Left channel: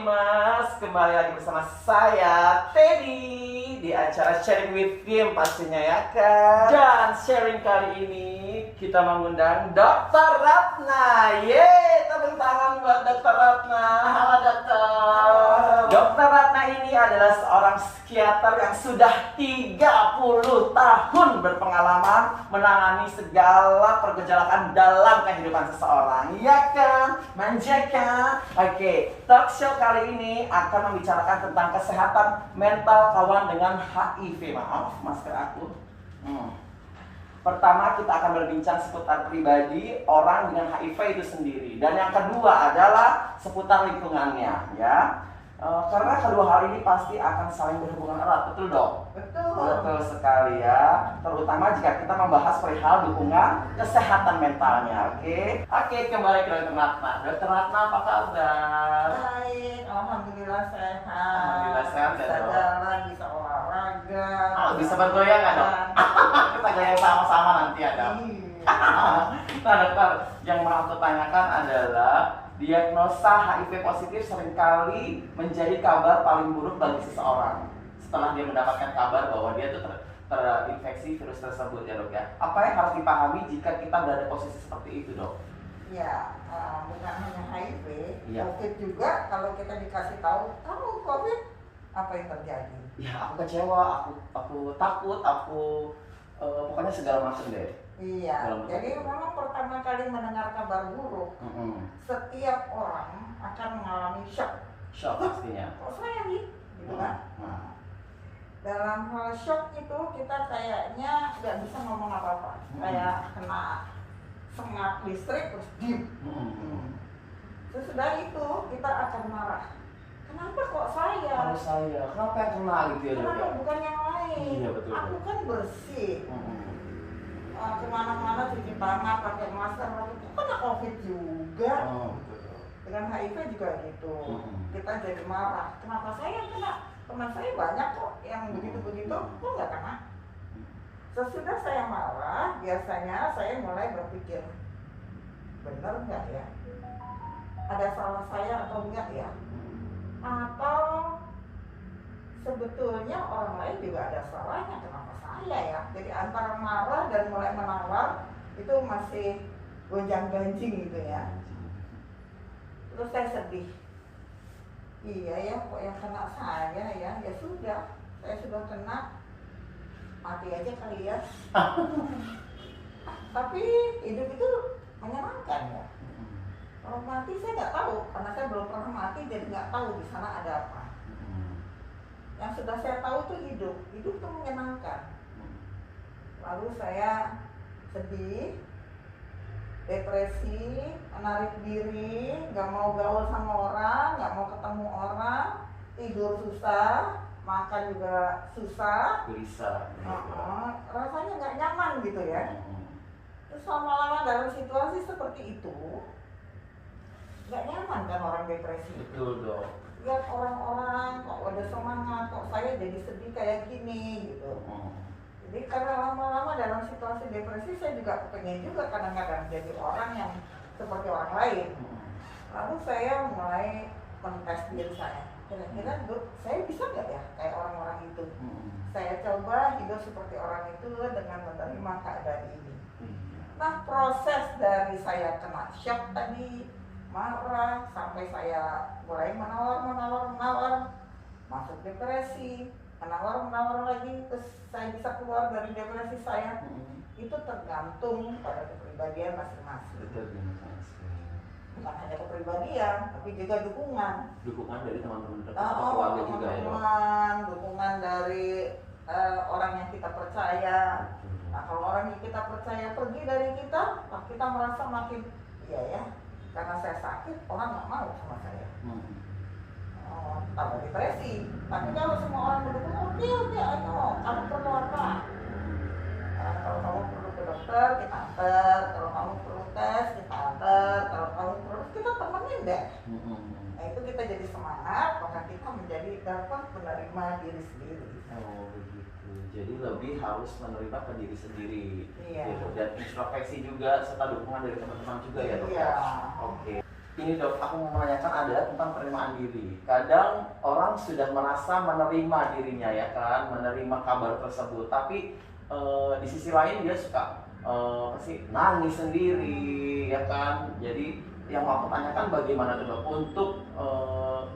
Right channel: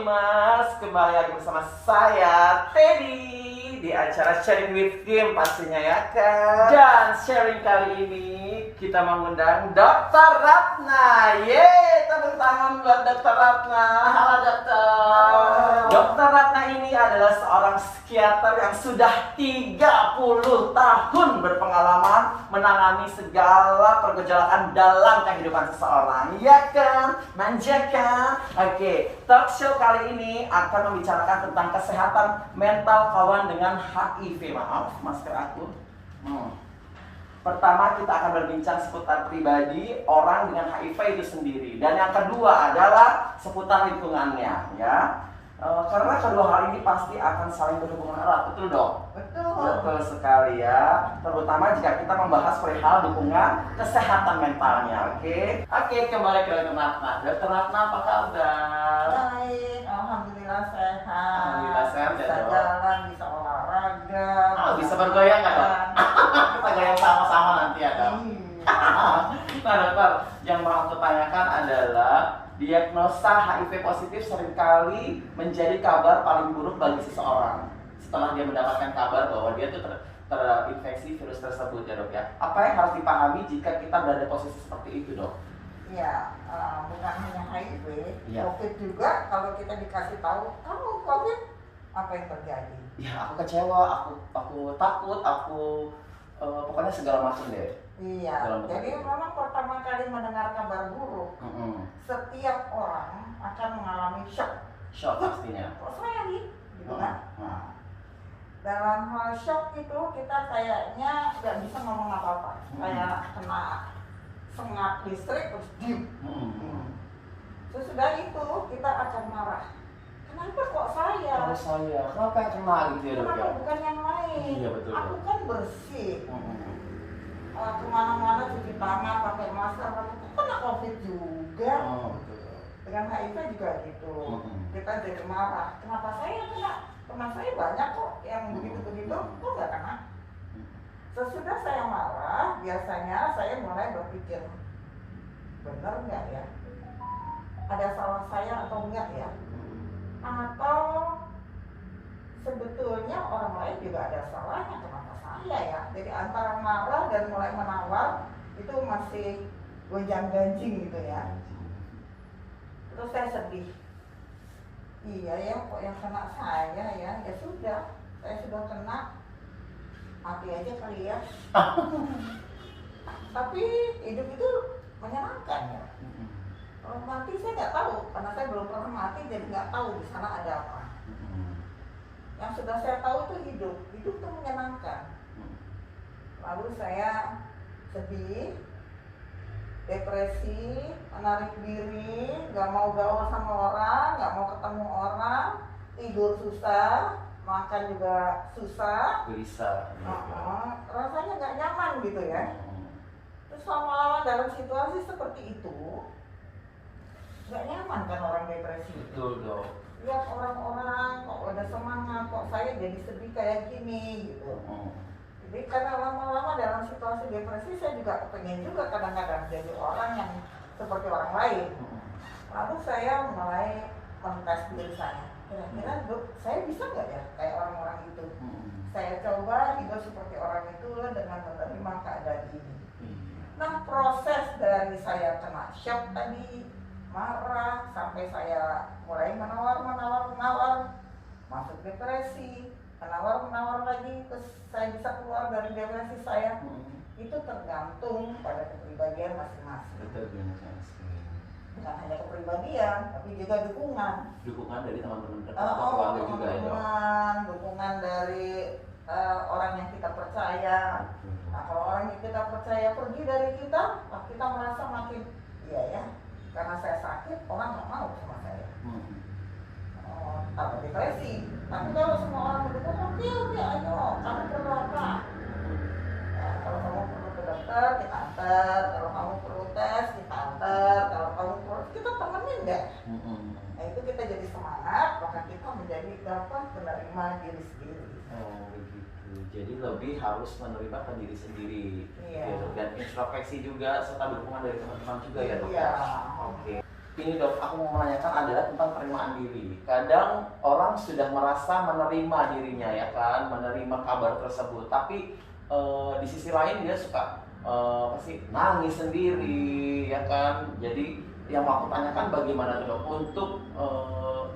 Famous, kembali lagi bersama saya Teddy di acara Sharing with Kim pastinya ya kan. Dan sharing kali ini kita mengundang Dr. Ratna. Yeay, tepuk tangan buat Dr. Ratna. Halo dokter. Dr. Ratna ini adalah seorang psikiater yang sudah 30 tahun berpengalaman menangani segala pergejolak dalam kehidupan seseorang. Ya kan? Manja kan? Oke, talk show kali ini akan membicarakan tentang kesehatan mental kawan dengan HIV. Maaf, masker aku. Pertama kita akan berbincang seputar pribadi orang dengan HIV itu sendiri. Dan yang kedua adalah seputar lingkungannya ya. Karena kedua hal ini pasti akan saling berhubungan erat, betul dong? Betul. Betul sekali ya. Terutama jika kita membahas perihal dukungan kesehatan mentalnya, oke? Oke, kembali ke Dr. Ratna. Dr. Ratna apa kabar? Baik, alhamdulillah sehat. Alhamdulillah sehat ya, bisa dok. jalan, bisa olahraga. Bisa bergoyang nggak dok? Kita goyang sama-sama nanti ya dok. Nah dokter, yang mau aku tanyakan adalah diagnosa HIV positif seringkali menjadi kabar paling buruk bagi seseorang setelah dia mendapatkan kabar bahwa dia tuh terinfeksi virus tersebut ya dok ya. Apa yang harus dipahami jika kita berada posisi seperti itu dok? Ya, bukan hanya HIV, Iya. COVID juga. Kalau kita dikasih tahu, kamu COVID, apa yang terjadi? Ya aku kecewa, aku takut, aku pokoknya segala macam deh. Iya, Dalam jadi bentuk itu. memang pertama kali mendengar kabar buruk, setiap orang akan mengalami shock. Shock pastinya. Kok saya nih? Gitu kan? Nah. Dalam hal shock itu kita kayaknya nggak bisa ngomong apa-apa, kayak kena sengat listrik terus diem. Sesudah itu kita akan marah. Kenapa kok saya? Kalau saya, kenapa yang kena gitu ya dok Kenapa ya? bukan yang lain? Iya, betul. Aku kan bersih. Kemana-mana cuci tangan, pakai masker, kok kena COVID juga. Betul. Dengan HIV juga gitu. Kita jadi marah. Kenapa saya kena? Teman saya banyak kok yang begitu-begitu, kok nggak kena? Sesudah saya marah, biasanya saya mulai berpikir, benar nggak ya? Ada salah saya atau enggak ya? Atau sebetulnya orang lain juga ada salahnya, kenapa saya ya? Jadi antara marah dan mulai menawar itu masih gonjang-ganjing gitu ya. Terus saya sedih. Iya ya, kok yang kena saya ya? Ya sudah, saya sudah kena, mati aja kali ya. Tapi hidup itu menyenangkan ya. Kalau mati saya nggak tahu, karena saya belum pernah mati, jadi nggak tahu di sana ada apa. Yang sudah saya tahu itu hidup itu menyenangkan. Lalu saya sedih, depresi, menarik diri, nggak mau gaul sama orang, nggak mau ketemu orang, tidur susah, makan juga susah, Gelisah. rasanya nggak nyaman gitu ya. Terus lama-lama dalam situasi seperti itu, nggak nyaman kan orang depresi. Betul dok. Lihat orang-orang kok udah semangat, kok saya jadi sedih kayak gini gitu. Jadi karena lama-lama dalam situasi depresi saya juga pengen juga kadang-kadang jadi orang yang seperti orang lain. Lalu saya mulai mentes diri saya. Kira-kira saya bisa nggak ya kayak orang-orang itu? Saya coba hidup seperti orang itu dengan menerima keadaan ini. Nah proses dari saya kena shock tadi, marah, sampai saya mulai menawar, masuk depresi, menawar lagi, terus saya bisa keluar dari depresi saya. Itu tergantung pada kepribadian masing-masing. Betul benar sekali. Bukan hanya kepribadian, tapi juga dukungan. Dukungan dari teman-teman dekat atau keluarga juga ya dok. Dukungan dari orang yang kita percaya. Nah kalau orang yang kita percaya pergi dari kita, kita merasa makin iya ya. Karena saya sakit, orang nggak mau sama saya. Kalau depresi, tapi kalau semua orang mendukung, oke, ayo, kamu perlu apa? Nah, kalau kamu perlu ke dokter, kita antar. Kalau kamu perlu tes, kita antar. Kalau kamu perlu, kita temenin deh. Nah itu kita jadi semangat, maka kita menjadi dapat menerima diri sendiri. Oh begitu. Jadi lebih harus menerima ke diri sendiri. Iya. Gitu. Dan introspeksi juga serta dukungan dari teman-teman juga ya dok. Iya. Oke. ini dok, aku mau menanyakan adalah tentang penerimaan diri. Kadang orang sudah merasa menerima dirinya ya kan, menerima kabar tersebut, tapi di sisi lain dia suka pasti nangis sendiri ya kan. Jadi yang mau aku tanyakan bagaimana tuh dok untuk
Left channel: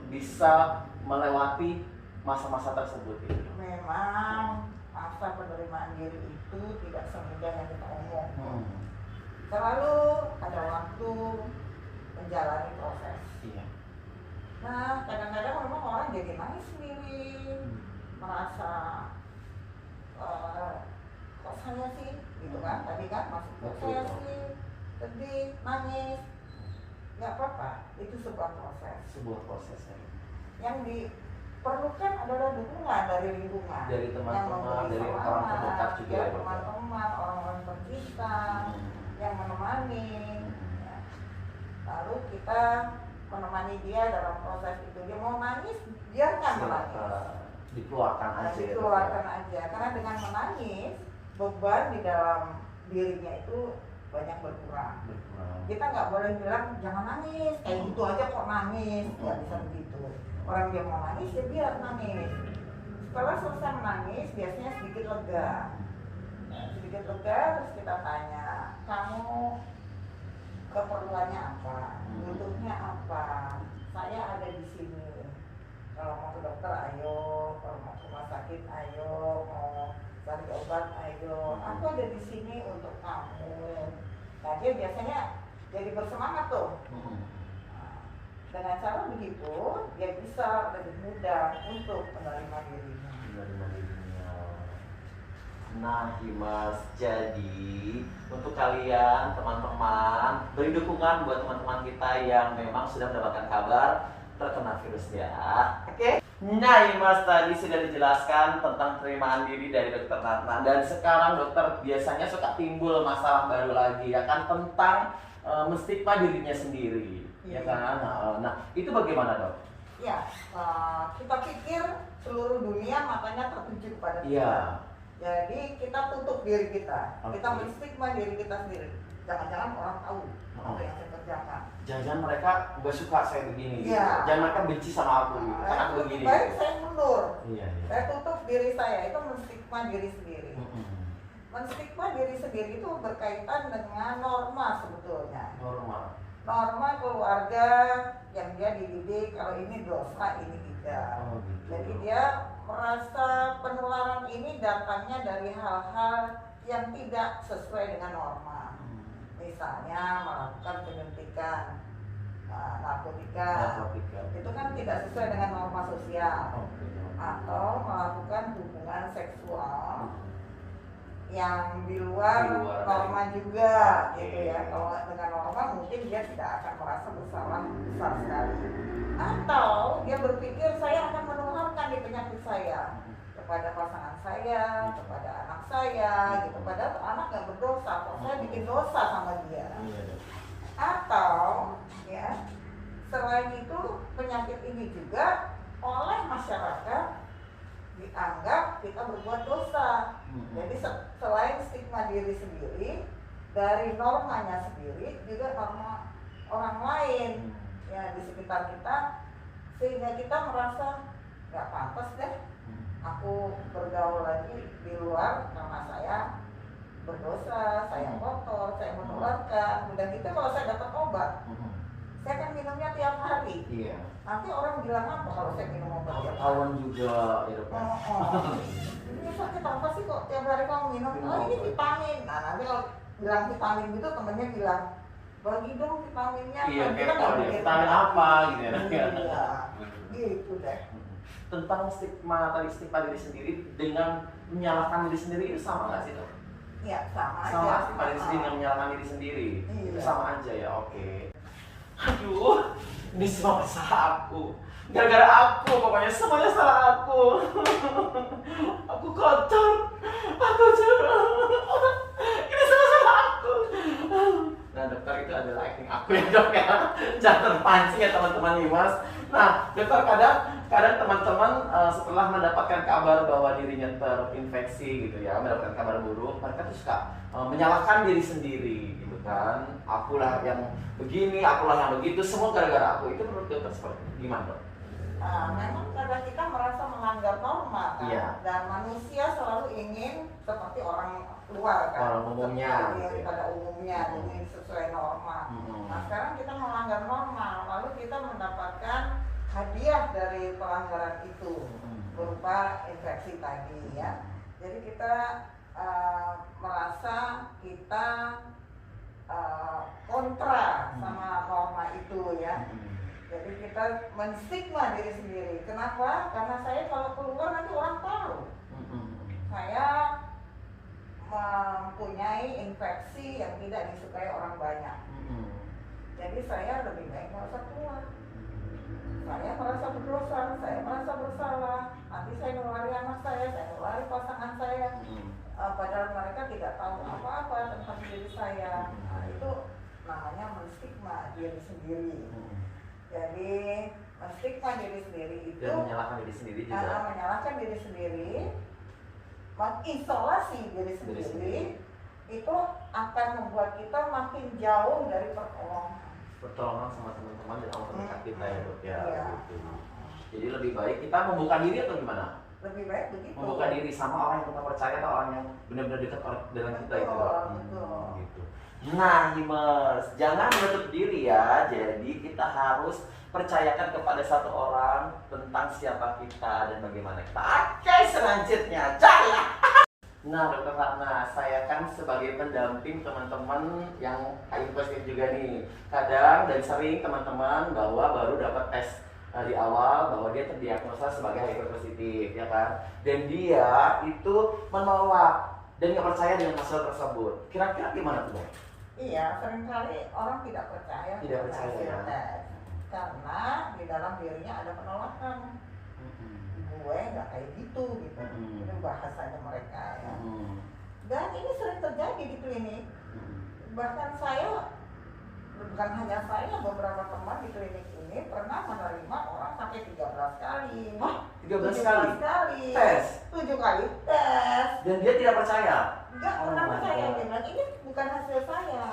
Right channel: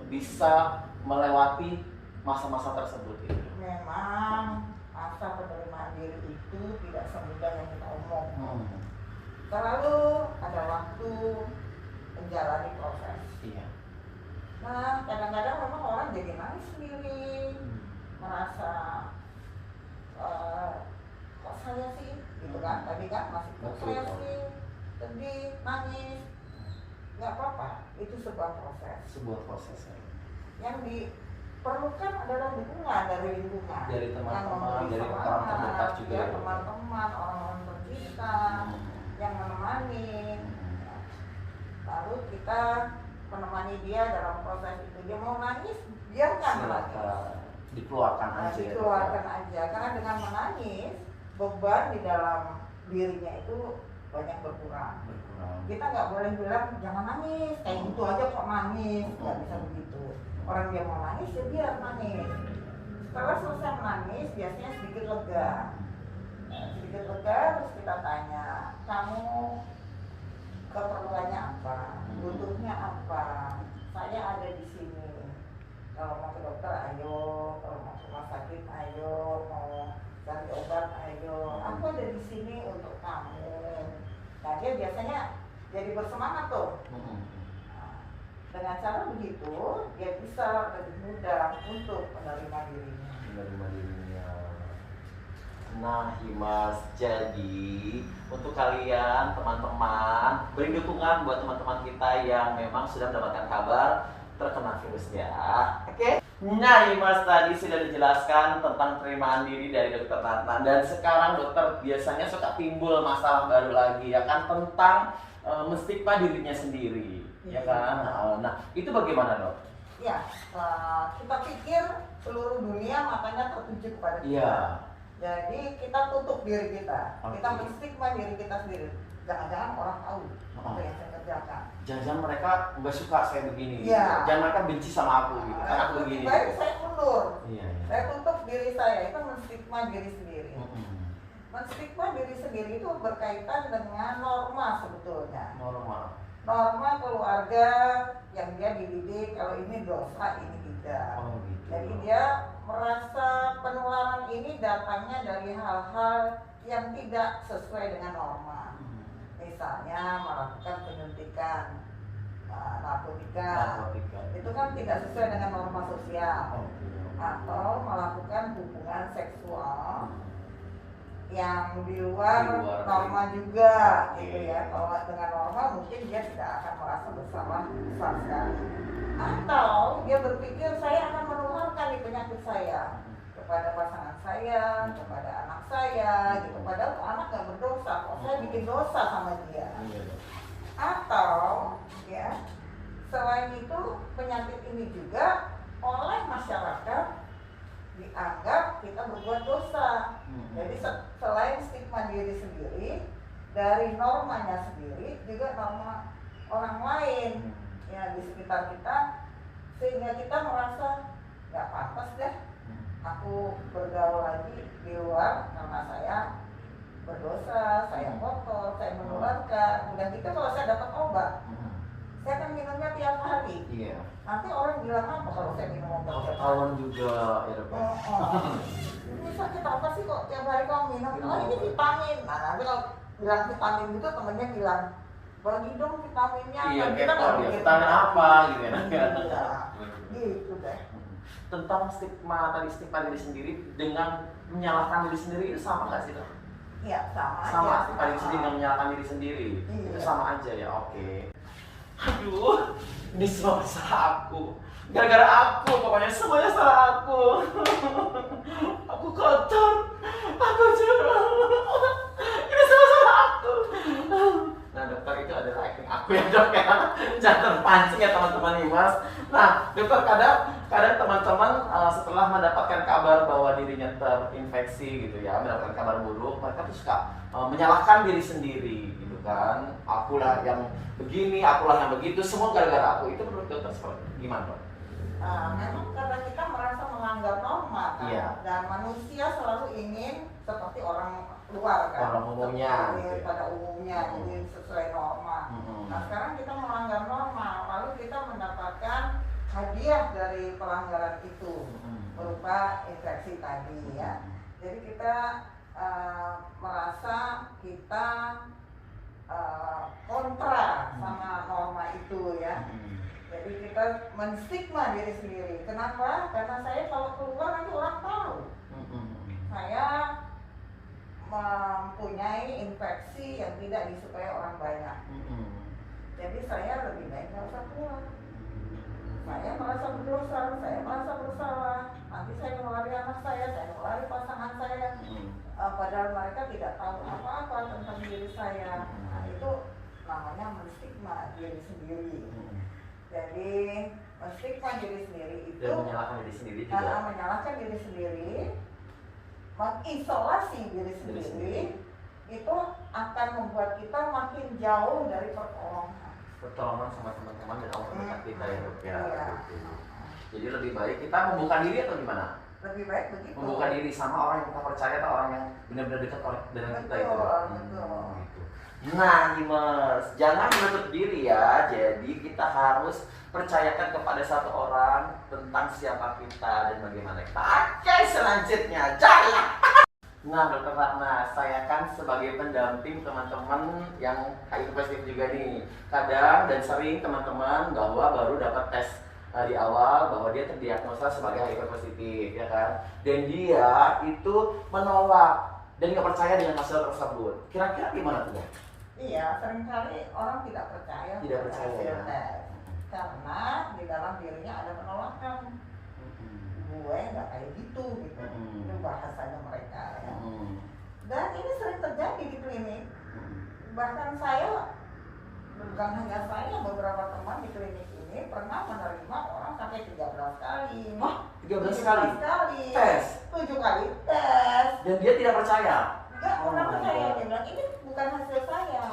bisa melewati masa-masa tersebut itu. Memang masa penerimaan diri itu tidak semudah yang kita omong. Selalu ada waktu menjalani proses. Iya. Nah, kadang-kadang memang orang jadi nangis sendiri, merasa kok saya sih, gitu kan? Tadi kan masih kok saya sih, sedih, nangis, nggak apa-apa. Itu sebuah proses. Sebuah proses ya. Yang diperlukan adalah dukungan dari lingkungan, Dari teman-teman, dari orang terdekat juga. ya, teman-teman, orang-orang tercinta yang menemani. Lalu kita menemani dia dalam proses itu. Dia mau nangis, biarkan menangis. Dikeluarkan aja. Dikeluarkan aja. Karena dengan menangis, beban di dalam dirinya itu banyak berkurang. Kita nggak boleh bilang jangan nangis, gitu aja kok nangis, nggak bisa begitu. Orang dia mau nangis, ya biar nangis. Setelah selesai menangis, biasanya sedikit lega. Sedikit lega, terus kita tanya, kamu keperluannya apa, butuhnya apa, saya ada di sini. Kalau mau ke dokter ayo, kalau mau ke rumah sakit ayo, mau cari obat ayo, aku ada di sini untuk kamu. Nah dia biasanya jadi bersemangat tuh. Nah, dengan cara begitu dia bisa lebih mudah untuk menerima dirinya. Menerima dirinya. Nah, Himas, jadi untuk kalian teman-teman beri dukungan buat teman-teman kita yang memang sudah mendapatkan kabar terkena virus ya. Oke. Nah, Himas tadi sudah dijelaskan tentang penerimaan diri dari Dokter Ratna, dan sekarang dokter biasanya suka timbul masalah baru lagi ya kan tentang menstigma dirinya sendiri, ya kan? Nah, itu bagaimana dok? Ya, kita pikir seluruh dunia matanya tertuju kepada kita. Iya. Jadi kita tutup diri kita, Oke. kita menstigma diri kita sendiri. Jangan-jangan orang tahu apa yang saya kerjakan. Jangan-jangan mereka nggak suka saya begini, Iya. gitu. Jangan mereka benci sama aku, gitu. Kan aku Lebih begini. baik saya mundur. Iya, iya. Saya tutup diri saya, itu menstigma diri sendiri. Menstigma diri sendiri itu berkaitan dengan norma sebetulnya. Norma keluarga yang dia dididik, kalau ini dosa, ini tidak. Oh, gitu. Jadi dia merasa penularan ini datangnya dari hal-hal yang tidak sesuai dengan norma. Misalnya melakukan penyuntikan narkotika, itu kan tidak sesuai dengan norma sosial. Atau melakukan hubungan seksual yang di luar norma juga, gitu ya. Kalau dengan norma mungkin dia tidak akan merasa bersalah besar sekali. Atau dia berpikir saya akan menularkan di penyakit saya kepada pasangan saya, kepada anak saya, gitu. Padahal anak nggak berdosa, kok saya bikin dosa sama dia. Atau ya selain itu penyakit ini juga oleh masyarakat dianggap kita berbuat dosa. Jadi selain stigma diri sendiri, dari normanya sendiri juga norma orang lain ya di sekitar kita, sehingga kita merasa nggak pantas deh aku bergaul lagi di luar karena saya berdosa, saya kotor, saya menularkan. Udah gitu kalau saya dapat obat, saya kan minumnya tiap hari. Iya. Nanti orang bilang apa kalau saya minum obat tiap hari? Ketahuan juga, ya dok. Ini sakit apa sih kok tiap hari kamu minum? Oh ini vitamin. Nah nanti kalau bilang vitamin gitu temennya bilang bagi dong vitaminnya. Iya, kita nggak ya. mikir Vitamin apa gitu ya. Iya, gitu deh. Tentang stigma diri sendiri dengan menyalahkan diri sendiri itu sama nggak sih dok? Iya sama aja. Sama stigma diri sendiri dengan menyalahkan diri sendiri. Iya. Itu sama aja ya, oke. Aduh, ini semua salah aku. Gara-gara aku, pokoknya semuanya salah aku. Aku kotor, aku curang. Ini semua salah aku. Nah dokter, itu adalah acting aku ya dok ya. Jangan terpancing ya teman-teman Himas. Nah dokter, kadang teman-teman setelah mendapatkan kabar bahwa dirinya terinfeksi gitu ya, mendapatkan kabar buruk, mereka tuh suka menyalahkan diri sendiri gitu. kan, akulah yang begini, akulah yang begitu, semua gara-gara aku. Itu menurut dokter seperti gimana, dok? Memang karena kita merasa melanggar norma kan, Iya. dan manusia selalu ingin seperti orang luar kan, Orang umumnya, seperti gitu ya. pada umumnya ingin sesuai norma. Nah sekarang kita melanggar norma, lalu kita mendapatkan hadiah dari pelanggaran itu berupa infeksi tadi ya. Jadi kita merasa kita kontra sama norma itu ya. Jadi kita menstigma diri sendiri. Kenapa? Karena saya kalau keluar itu orang tahu saya mempunyai infeksi yang tidak disukai orang banyak. Jadi saya lebih baik nggak usah keluar. Saya merasa berdosa, saya merasa bersalah. Nanti saya ngelari anak saya ngelari pasangan saya. Padahal mereka tidak tahu apa-apa tentang diri saya. Nah, itu namanya menstigma diri sendiri. Jadi menstigma diri sendiri itu Dan menyalahkan diri sendiri juga. menyalahkan diri sendiri, mengisolasi diri sendiri, itu akan membuat kita makin jauh dari Pertolongan sama teman-teman dan orang terdekat kita ya, dok ya. Iya. Gitu. Jadi lebih baik kita membuka diri atau gimana? Lebih baik begitu. Membuka diri sama orang yang kita percaya atau orang yang benar-benar dekat dengan kita itu. Betul. Gitu. Nah, Himers, jangan menutup diri ya. Jadi kita harus percayakan kepada satu orang tentang siapa kita dan bagaimana kita. Oke, selanjutnya jalan. Nah, Dokter Ratna, saya kan sebagai pendamping teman-teman yang HIV positif juga nih. Kadang dan sering teman-teman bahwa baru dapat tes di awal bahwa dia terdiagnosa sebagai HIV positif, ya kan? Dan dia itu menolak dan nggak percaya dengan hasil tersebut. Kira-kira gimana tuh, Dok? Iya, seringkali orang tidak percaya. Tidak percaya, hasil ya. tes. Karena di dalam dirinya ada penolakan. Gue nggak kayak gitu. Itu bahasanya mereka ya. Dan ini sering terjadi di klinik. Bahkan saya, bukan hanya saya, beberapa teman di klinik ini pernah menerima orang sampai 13 kali. Hah? 13 kali? Tes? 7 kali tes. Dan dia tidak percaya? Enggak Oh pernah my percaya. God. Dia bilang, ini bukan hasil saya.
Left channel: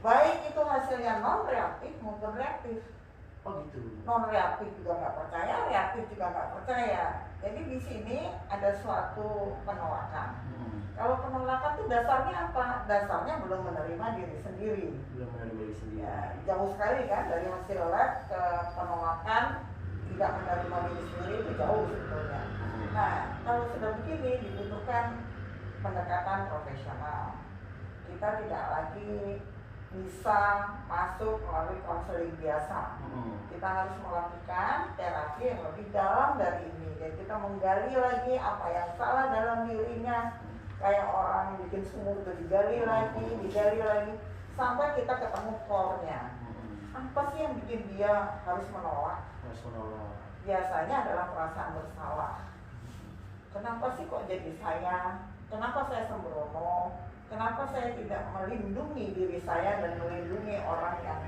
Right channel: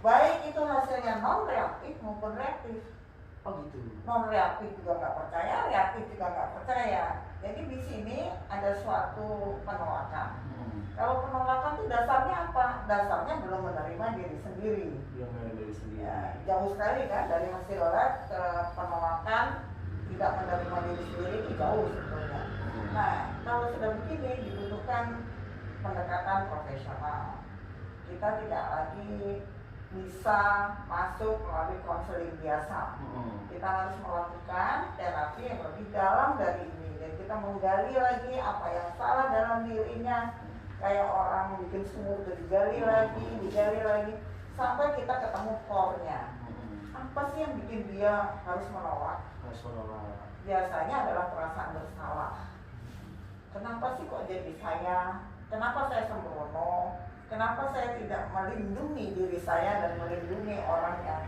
Baik itu hasilnya non reaktif maupun reaktif. Oh gitu. Non reaktif juga nggak percaya, reaktif juga nggak percaya. Jadi di sini ada suatu penolakan. Kalau penolakan itu dasarnya apa? Dasarnya belum menerima diri sendiri. Belum menerima diri sendiri. Ya, jauh sekali kan dari hasil lab ke penolakan tidak menerima diri sendiri itu jauh sebetulnya. Nah, kalau sudah begini dibutuhkan pendekatan profesional. Kita tidak lagi bisa masuk melalui konseling biasa. Kita harus melakukan terapi yang lebih dalam dari ini. Jadi kita menggali lagi apa yang salah dalam dirinya. Kayak orang bikin sumur itu digali lagi sampai kita ketemu core-nya. Apa sih yang bikin dia harus menolak? Biasanya adalah perasaan bersalah. Kenapa sih kok jadi saya? Kenapa saya sembrono? Kenapa saya tidak melindungi diri saya dan melindungi orang yang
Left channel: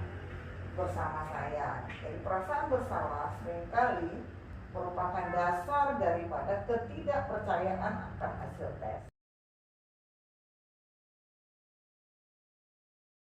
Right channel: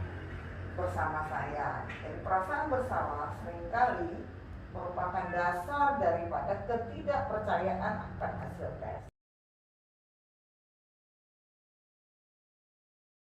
bersama saya? Jadi perasaan bersalah seringkali merupakan dasar daripada ketidakpercayaan akan hasil tes.